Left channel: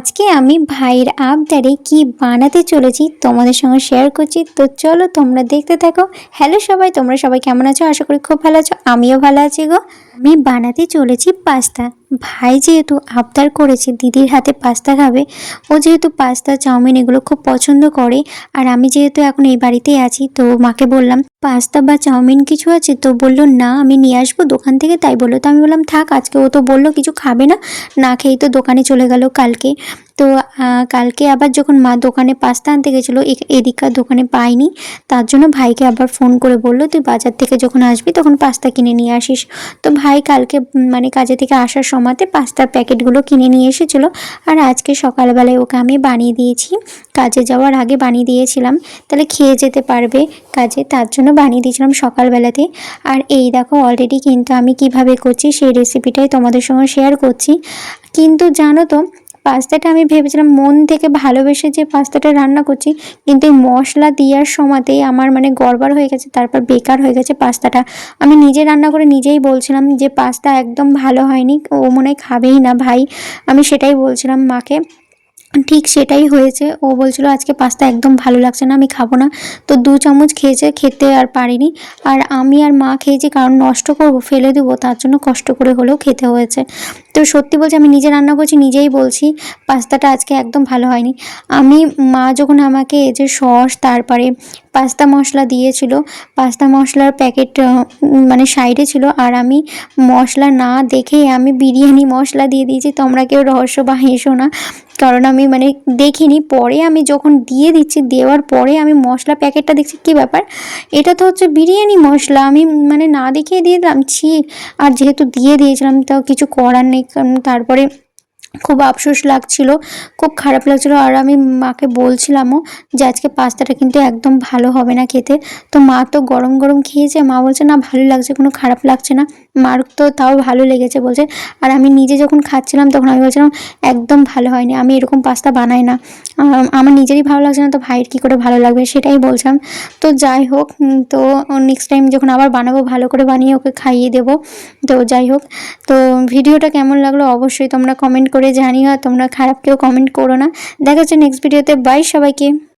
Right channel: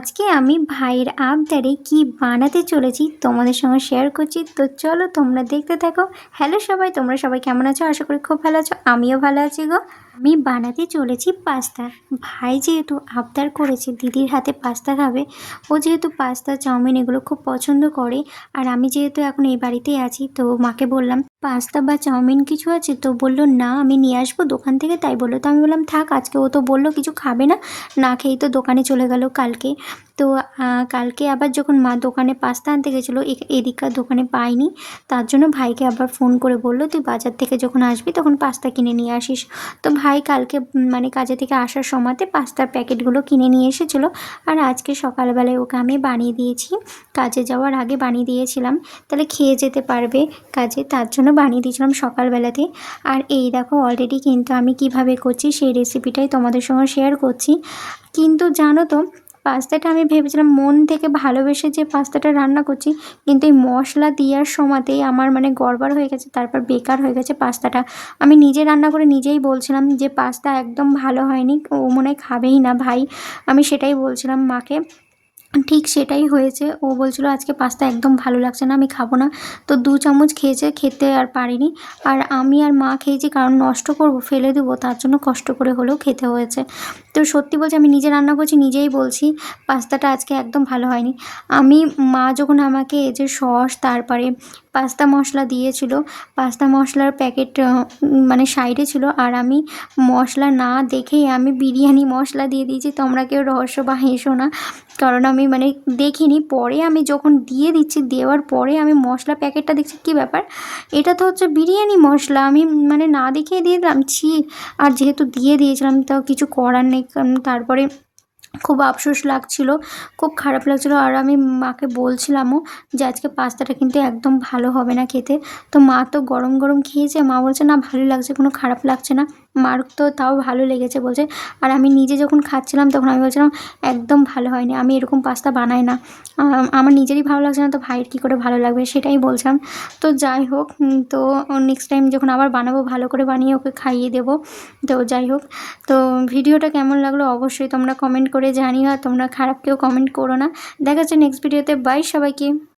আজকে আমি ভাইয়ের আবদারে কি বানাতে চলেছি তোমাদের সঙ্গে শেয়ার করছি। তো চলো তোমরা দেখতে থাকো। হ্যালো সবাই, তোমরা সবাই কেমন আছো? আশা করি খুব ভালো আছো, আমিও ভালো আছি গো। আমি বানাতে চলেছি পাস্তা। ভাই যেহেতু আবদার করেছে দিদির হাতে পাস্তা খাবে, ও যেহেতু পাস্তা চাউমিন এগুলো খুব পছন্দ করে, আর আমি যেহেতু এখন এই বাড়িতেই আছি, তো মাকে বললাম পাস্তা বা চাউমিন কিছু আছে, তো বললো না আমি নিয়ে আসবো দোকান থেকে। তাই বললো, তো আমি বললাম থাক, আজকে ও তো বললো কিছু খাবে না, না খেয়েই তো দোকানে চলে গেল কালকে। তো কালকে আবার যখন মা দোকানে পাস্তা আনতে গেছিলো, এদিককার দোকানে পাইনি, তার জন্য ভাইকে আবার ফোন করে বললো তুই বাজার থেকে যখন আসবি তখন পাস্তা কিনে নিয়ে আসিস। তো ভাই কালকে মানে কাজে থেকে আসার সময়তে পাস্তার প্যাকেটগুলো কিনে নিয়ে এসেছিলো। আর আজকে সকালবেলায় ওকে আমি বানিয়ে দিয়েছি, কাজে যাওয়ার আগে বানিয়ে দিয়েছিলাম, তাহলে খেয়ে যেতে পারবে কাজে, তার জন্য বানিয়ে দিয়েছিলাম সকালবেলাতে। আর এই দেখো অলরেডি কিন্তু আমি কিভাবে করছি সেই রেসিপিটাই তোমাদের সঙ্গে শেয়ার করছি। কিন্তু জানো তো, পাস্তাটা আমি ভেবেছিলাম মন থেকে ভালোবেসে যে পাস্তাটা রান্না করছি, কিন্তু এই মশলা দেওয়ার সময়তেই আমার মানে গড়বড় হয়ে গেছে, তারপর বেকার হয়ে গেছে পাস্তাটা। আমি নিজে রান্না করে নিজেই বলছিলাম যে পাস্তা একদম ভালো হয়নি, ও মনে হয় খাবেই না ভাই, আমি সেটাই বলছিলাম মাকে। ঠিক সেটাই হয়েছে, ও বলছিল আজকে পাস্তা একদম ভালো লাগছে না, আমি খাবো না। তো 2 চামচ খেয়েছে, খেতে আর পারিনি। আর আমি আর মা খেয়েছি, কারণ নষ্ট করব ফেলে দেবো, তার জন্য কষ্ট করে হলেও খেতে হয়েছে। তো সত্যি বলছি, আমি নিজে রান্না করছি নিজেই বলছি পাস্তাটা আজকে একদম ভালো হয়নি। আমি মা যখন আমাকে এই যে সস তারপরে পাস্তা মশলা দিয়েছিল, পাস্তা মশলার প্যাকেট মানে সাইডে ছিল, আর আমি মশলা না দেখেই আমি বিরিয়ানি মশলা দিয়ে দিয়েছি। তোমরা কেউ রহস্য বা হেসো না, কারণ আমি মানে দেখিনি, পরে আমি যখন দিয়ে দিচ্ছি, দেওয়ার পরে আমি মশলা প্যাকেটটা দেখছি কী ব্যাপার, এটা তো হচ্ছে বিরিয়ানি মশলা, আমি মানে না দেখেই দিয়ে দিলাম, ছি। আর যেহেতু দিয়ে দিয়েছিলাম তাও কিছু করার নেই, কারণ তারপরে খুব আফসোস লাগছিল, খুব খারাপ লাগছিল। আর আমি মাকে বলছিলামও যে আজকে পাস্তাটা কিন্তু একদম ভালো হবে না খেতে। তো মা তো গরম গরম খেয়েছে, মা বলছে না ভালো লাগছে, কোনো খারাপ লাগছে না। মার তো তাও ভালো লেগেছে বলছে। আর আমি নিজে যখন খাচ্ছিলাম তখন আমি বলছিলাম একদম ভালো হয়নি, আমি এরকম পাস্তা বানাই না, আমার নিজেরই ভালো লাগছে না, তো ভাইয়ের কী করে ভালো লাগবে সেটাই বলছিলাম। তো যাই হোক, তো নেক্সট টাইম যখন আবার বানাবো ভালো করে বানিয়ে ওকে খাইয়ে দেবো। তো যাই হোক, তো ভিডিওটা কেমন লাগলো অবশ্যই তোমরা কমেন্ট করে জানিও, আর তোমরা খারাপ কেউ কমেন্ট করো না। দেখা হচ্ছে নেক্সট ভিডিওতে। বাই সবাইকে।